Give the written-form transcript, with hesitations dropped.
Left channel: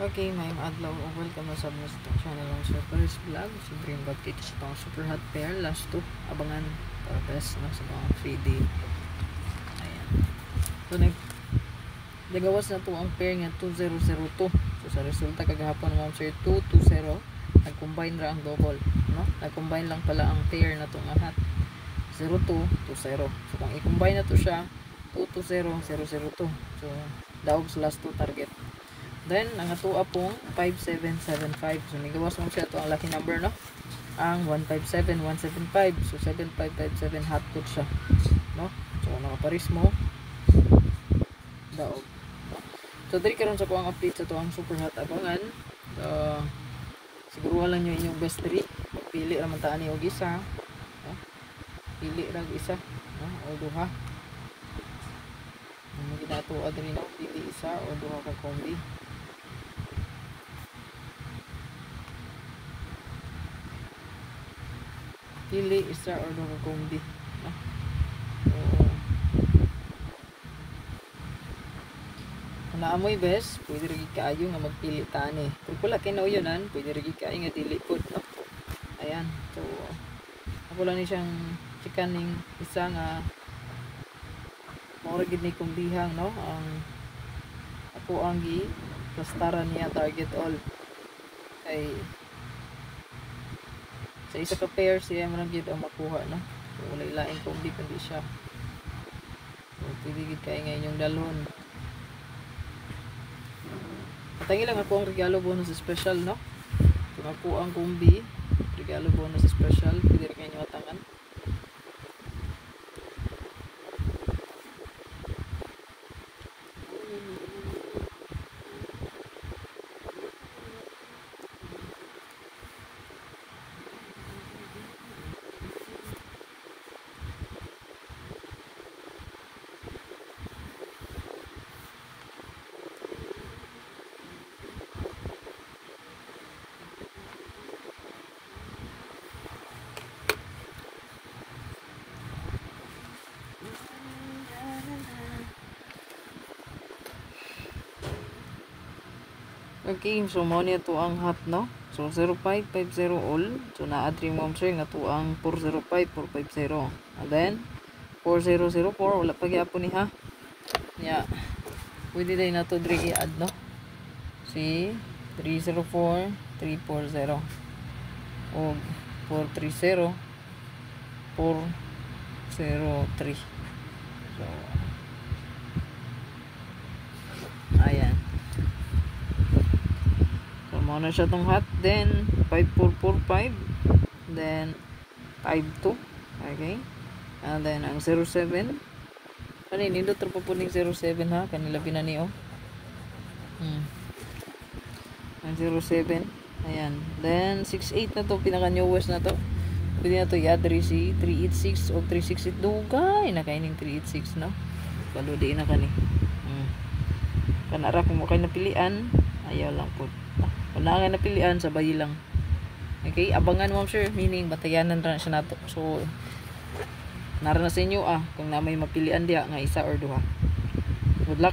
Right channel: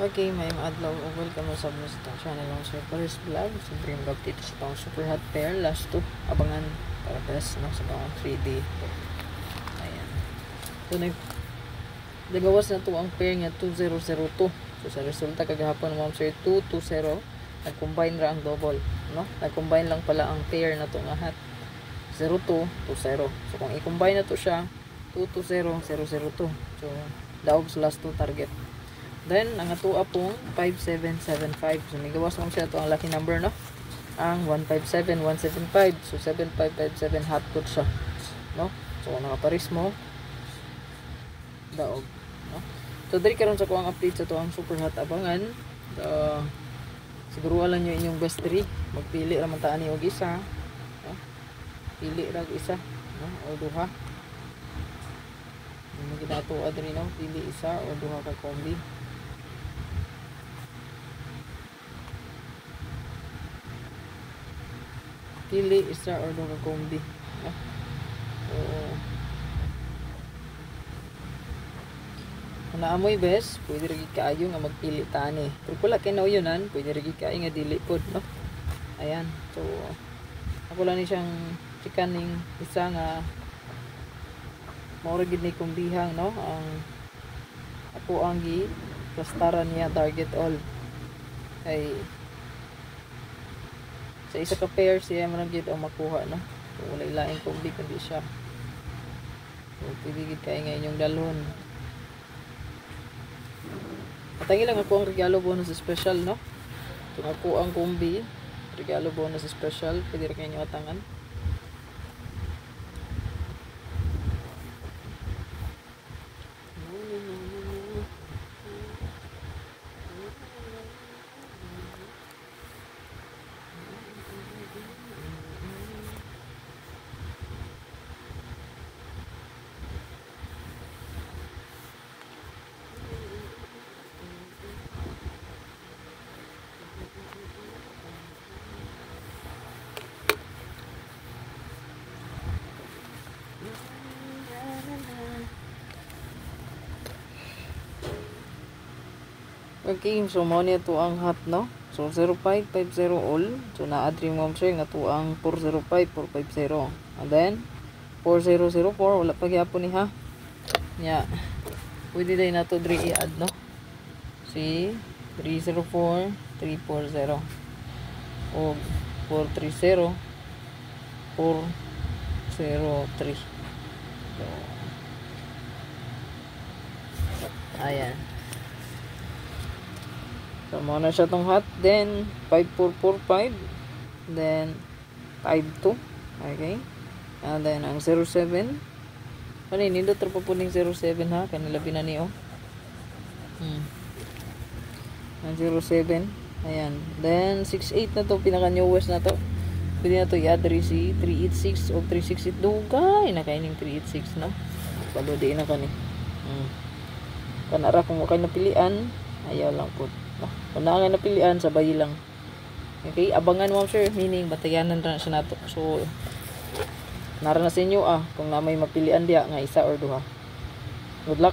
Okay, may adlaw o welcome mo sa mga sa channel ng Sir Paris Vlog. Siyempre yung kita sa pang super hot pair. Last 2, abangan para best na sa pang 3D. Ayan. So, nagawas na to ang pair nga 2002. So, sa resulta kagahapon mo sir 220. Nag-combine ra ang double. No? Nag-combine lang pala ang pair na to nga hot. 0220. So, kung i-combine na to siya, 220002. So, daog sa last 2 target. Then, ang atua po, 5775. So, nigawas mo siya. Ito ang lucky number, no? Ang 157, 175. So, 7557 hot pot siya. No? So, kung nakaparis mo, daog. No? So, dali karon sa kuang update sa ito ang super hot abangan. So, siguro wala nyo inyong best 3. Magpili naman taan niyo isa. No? Pili rag isa. No? O duha. Ano ginatuwa din no? Pili isa o duha ka kombi. Pili isa or duha kombi. No? So, kung naamoy best, pwede rin kaayo nga magpili tani. Pero kung laki na yun, pwede rin kaayo nga dili po. No? Ayan. So, ako lang ni siyang chikaning isa nga maura gid ni kumbihang, no? Ang ako ang plastaran niya target all. Kay sa isa ka pair siya man gid ang makuha, no? So, wala ilaing kundi siya. So, pwede gid kay nga inyong dalhon. Patangi lang ako ang regalo bonus special, no? So, ako ang kumbi regalo bonus special, pwede ra kayo nyo atangan. Okay, so mo niya to ang hot, no? So 0550 all. So na-add rin mo sir nga to ang 405450. And then 4004 wala pa gyapon ni ha. Yeah. Pwede din na to diri i-add, no? Si 304 340 o 430 403. Ayan. So, muna siya tong hot. Then, 5445. Then, 52. Okay. And then, ang 07. Ano yun? Nindot po po ng 07 ha. Kanilabi na niyo. Ang 07. Ayan. Then, 68 na to. Pinaka-newest na to. Pwede na to i-add si 386 o 368. Dugay. Nakaining 386 na. Paludi na ka ni. Kanara kung kayo napilian. Ayaw lang po. Kung na nga napilian, sabay lang. Okay, abangan mo sir, meaning batayanan na siya nato. So, nara na sa inyo kung na may mapilian diya nga isa or duha. Good luck.